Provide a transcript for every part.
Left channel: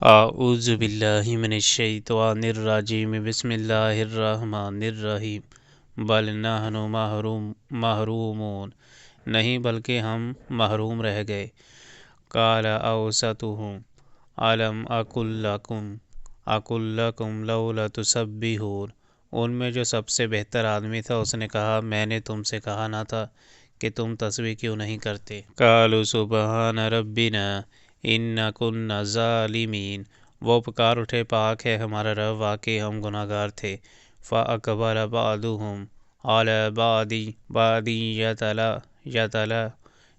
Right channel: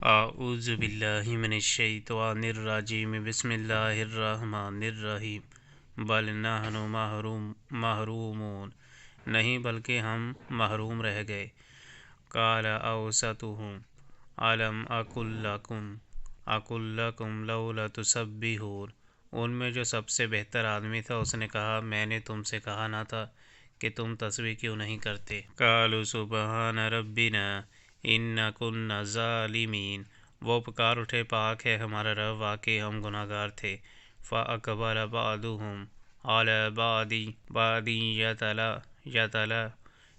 اعوذ باللہ من الشیطان الرجیم بسم اللہ الرحمن الرحیم بل نحن محرومون نہیں بلکہ ہم محروم رہ گئے۔ قال اوسطهم الم اقل لکم لولا تسبحون، ان میں جو سب سے بہتر آدمی تھا اس نے کہا میں نے تم سے کہا نہ تھا کہ تم تسبیح کیوں نہیں کرتے؟ قالوا سبحان ربنا انا کنا ظالمین، وہ پکار اٹھے پاک ہے ہمارا رب، واقعی ہم گناہ گار تھے۔ فاقبل بعضهم علی بعض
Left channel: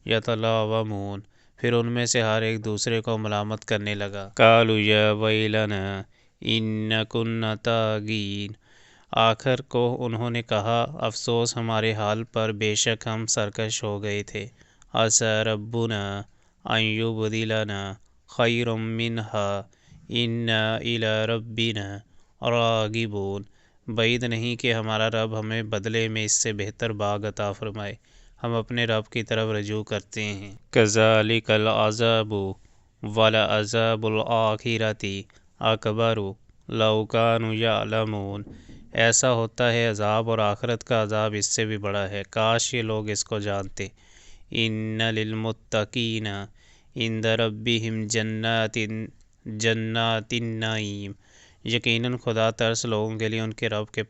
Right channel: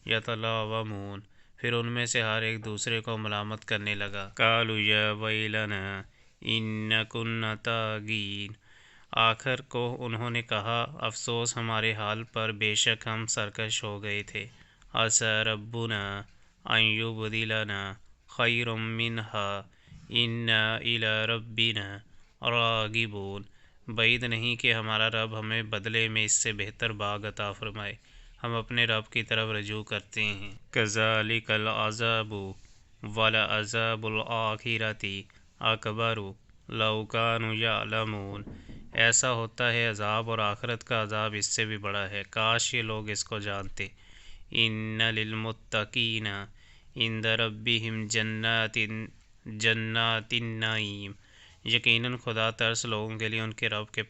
یتلاومون، پھر ان میں سے ہر ایک دوسرے کو ملامت کرنے لگا۔ قالوا یا ویلنا انا کنا طاغین، آخر کو انہوں نے کہا افسوس ہمارے حال پر، بے شک ہم سرکش ہو گئے تھے۔ عسیٰ ربنا ان یبدلنا خیرا منہا انا الی ربنا راغبون، بعید نہیں کہ ہمارا رب ہمیں بدلے میں اس سے بہتر باغ عطا فرمائے، ہم اپنے رب کی طرف رجوع کرتے ہیں۔ کذالک العذاب ولعذاب الآخرۃ اکبر لو کانوا یعلمون، ایسا ہوتا ہے عذاب اور آخرت کا عذاب اس سے بھی بڑا ہے، کاش یہ لوگ اس کو جانتے۔ ان للمتقین عند ربہم جنات النعیم، یقیناً خدا ترس لوگوں کے لیے ان کے رب کے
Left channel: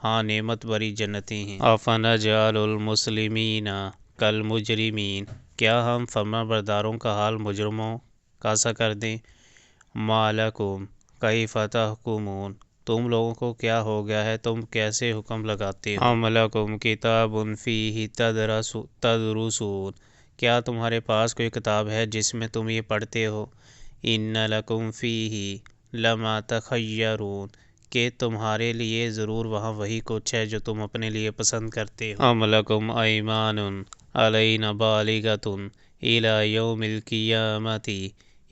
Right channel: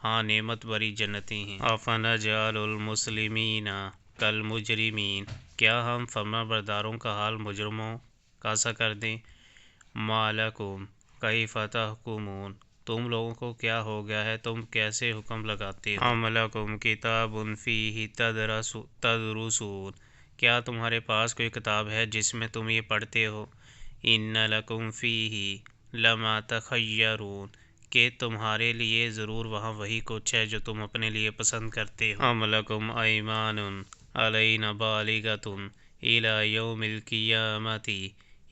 ہاں نعمت بری جنتیں ہیں۔ افنجعل المسلمین کالمجرمین، کیا ہم فرما برداروں کا حال مجرموں کا سا کر دیں؟ ما لکم کیف تحکمون، تم لوگوں کو کیا ہو گیا ہے، تم کیسے حکم لگاتے ہو؟ ام لکم کتاب فیہ تدرسون، کیا تمہارے پاس کوئی کتاب ہے جس میں تم یہ پڑھتے ہو؟ ان لکم فیہ لما تخیرون، کہ تمہارے لیے ضرور وہاں وہی کچھ ہے جو تم اپنے لیے پسند کرتے ہو۔ ام لکم ایمان علینا بالغۃ الی یوم القیامۃ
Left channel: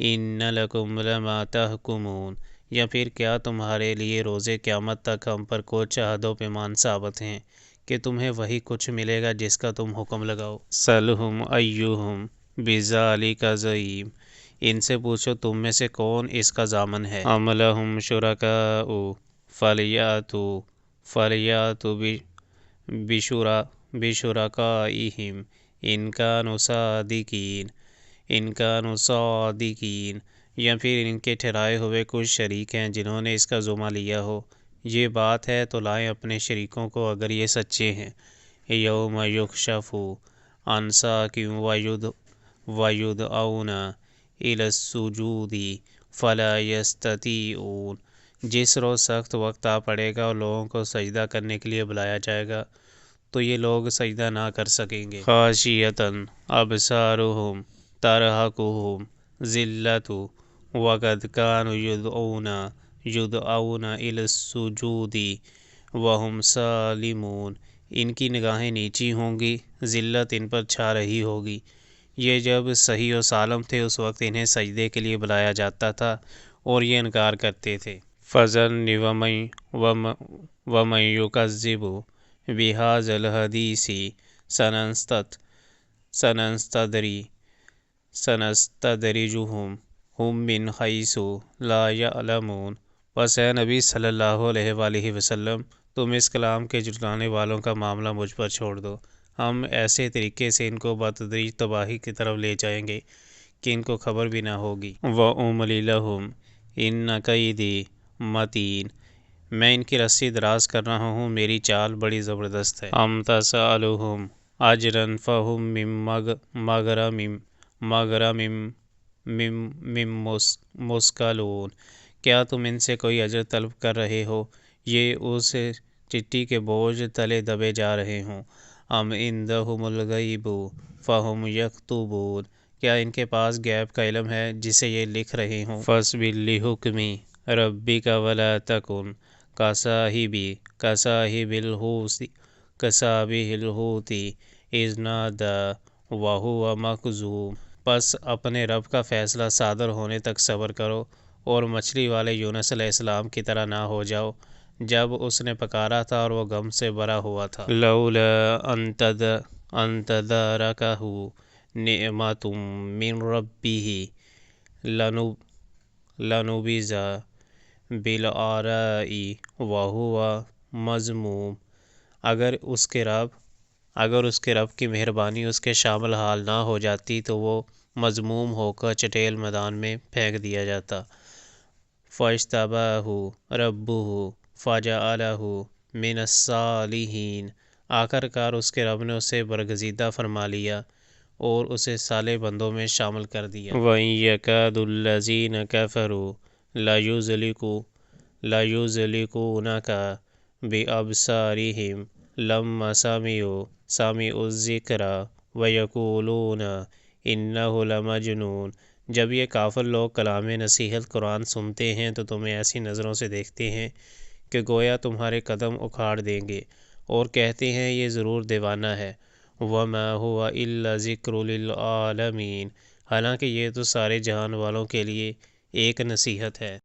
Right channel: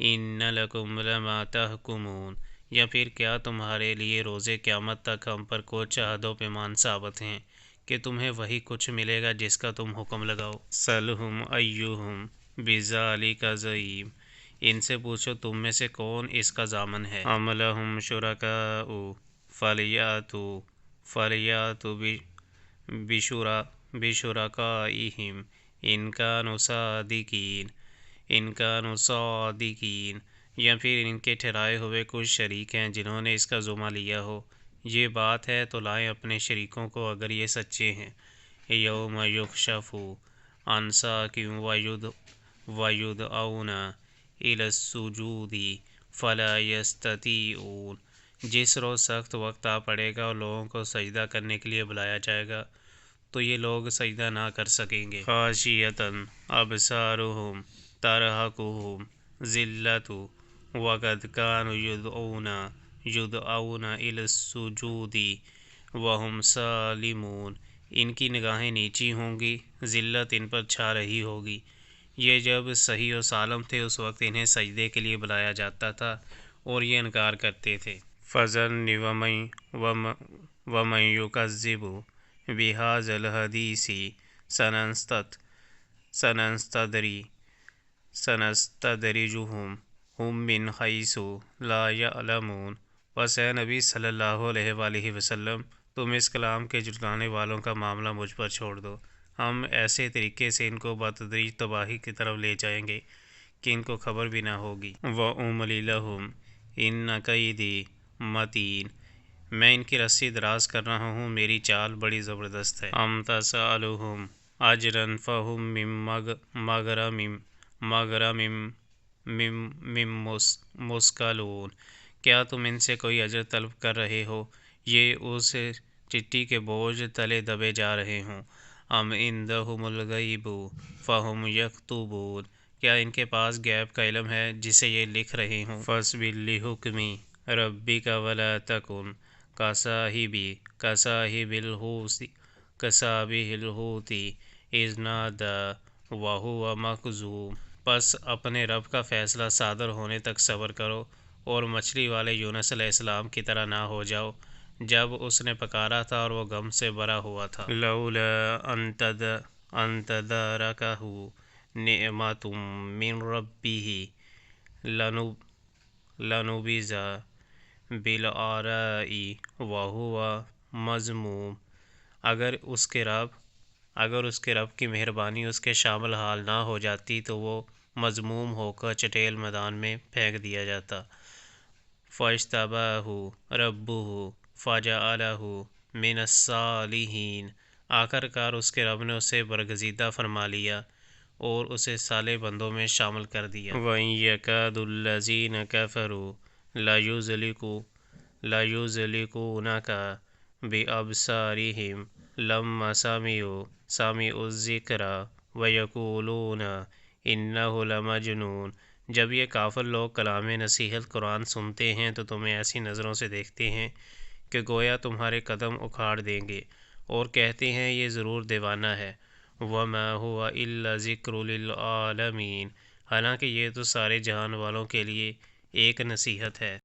ان لکم لما تحکمون، یا پھر کیا تمہارے لیے روز قیامت تک ہم پر کچھ عہد و پیمان ثابت ہیں کہ تمہیں وہی کچھ ملے گا جس کا تم حکم لگاؤ؟ سلہم ایہم بذالک زعیم، ان سے پوچھو تم میں سے کون اس کا ضامن ہے۔ ام لہم شرکاء فلیاتوا بشرکائہم ان کانوا صادقین، یا پھر ان کے ٹھہرائے ہوئے کچھ شریک ہیں جنہوں نے اس کا ذمہ لیا ہو، یہ بات ہے تو لائیں اپنے شریکوں کو اگر یہ سچے ہیں۔ یوم یکشف عن ساق ویدعون الی السجود فلا یستطیعون، جس روز سخت وقت آ پڑے گا اور لوگوں کو سجدہ کرنے کے لیے بلایا جائے گا تو یہ لوگ سجدہ نہ کر سکیں گے۔ خاشعۃ ابصارہم ترہقہم ذلۃ وقد کانوا یدعون الی السجود وہم سالمون، ان کی نگاہیں نیچی ہوں گی، ذلت ان پر چھا رہی ہوگی، یہ جب صحیح و سالم تھے اس وقت انہیں سجدے کے لیے بلایا جاتا تھا اور یہ انکار کرتے تھے۔ فذرنی ومن یکذب بہذا الحدیث سنستدرجہم من حیث لا یعلمون، بس اے نبی صلی اللہ علیہ وآلہ وسلم تم اس کلام کے جھٹلانے والوں کا معاملہ مجھ پر چھوڑ دو، ہم ایسے طریقے سے ان کو بتدریج تباہی کی طرف لے جائیں گے کہ ان کو خبر بھی نہ ہوگی۔ وَأُمْلِي لَهُمْ إِنَّ كَيْدِي مَتِینٌ، میں ان کی رسی دراز کر رہا ہوں، میری چال بڑی زبردست ہے۔ أَمْ تَسْأَلُهُمْ أَجْرًا فَهُمْ مَغْرَمٍ مُثْقَلُونَ، کیا تم ان سے کوئی اجر طلب کر رہے ہو، یہ اس چٹی کے بوجھ تلے دبے جا رہے ہوں۔ أَمْ عِندَهُمُ الْغَیْبُ فَهُمْ یکتبون، کیا ان کے پاس غیب کا علم ہے جسے یہ لکھ رہے ہوں۔ فاصبر لحکم ربک ولا تکن کصاحب الحوت اذ نادی وہو مکظوم، پس اپنے رب کا فیصلہ صادر ہونے تک صبر کرو اور مچھلی والے یونس علیہ السلام کی طرح نہ ہو جاؤ جب اس نے پکارا تھا اور وہ غم سے بھرا ہوا تھا۔ لولا ان تدارکہ نعمت من ربہ لنبذ بالعراء وهو مذموم، اگر اس کے رب کی مہربانی اس کے شامل حال نہ ہو جاتی تو وہ مذموم ہو کر چٹیل میدان میں پھینک دیا جاتا۔ فاجتباہ ربہ فجعلہ من الصالحین، آخر کار اس کے رب نے اسے برگزیدہ فرما لیا اور اسے صالح بندوں میں شامل کر دیا۔ وَإِن يَكَادُ الَّذِينَ كَفَرُوا لَيُزْلِقُونَكَ بِأَبْصَارِهِمْ لَمَّا سَمِعُوا الذِّكْرَ وَيَقُولُونَ إِنَّهُ لَمَجْنُونٌ، جب یہ کافر لوگ کلام نصیحت قرآن سنتے ہیں تو تمہیں ایسی نظروں سے دیکھتے ہیں کہ گویا تمہارے قدم اکھاڑ دیں گے، اور کہتے ہیں یہ ضرور دیوانہ ہے۔ وَمَا هُوَ إِلَّا ذِكْرٌ لِلْعَالَمِينَ، حالانکہ یہ تو سارے جہان والوں کے لیے ایک نصیحت ہے۔